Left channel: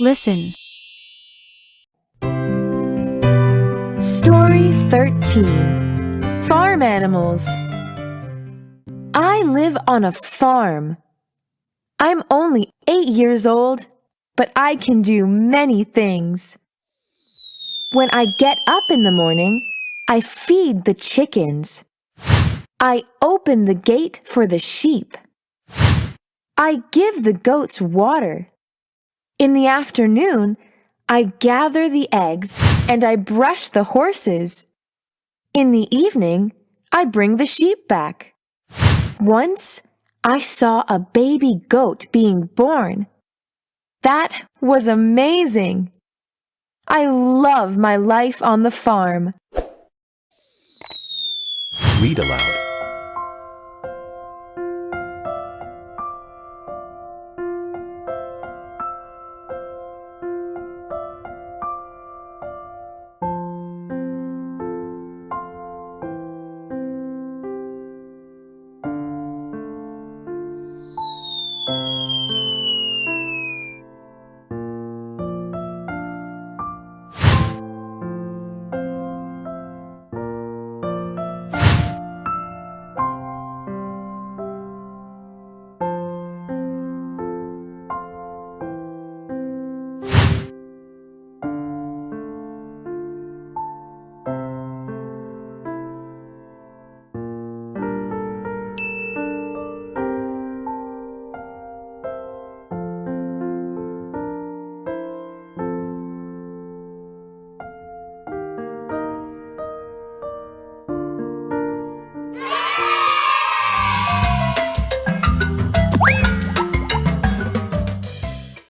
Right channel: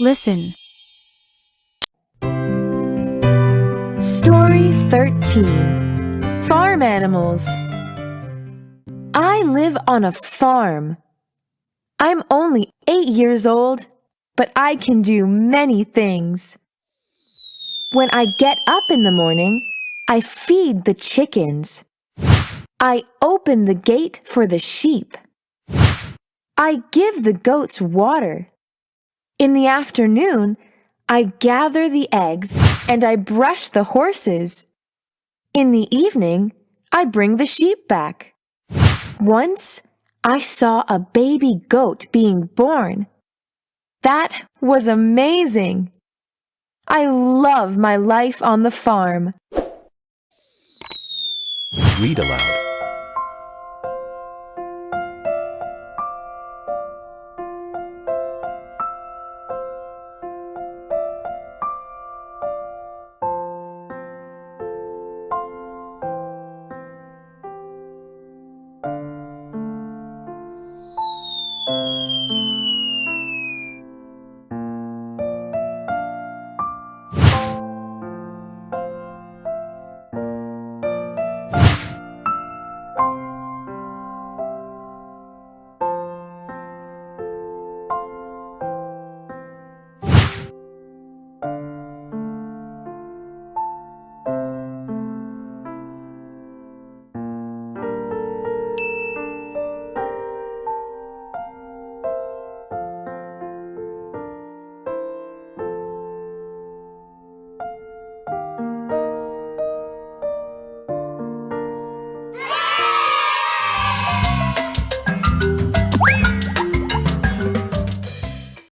Listen. Story 13. Farm Animals. I live on a farm. I'm only 8 years old, but I can do many things. When I get up in the morning, I feed the chickens. I open the gate for the sheep. I give the goats water. In the afternoon, I gather the eggs and I brush the horses. In the evening, I bring the sheep back. Once, I saw a baby goat being born. That was amazing. I love my life on the farm. Read aloud.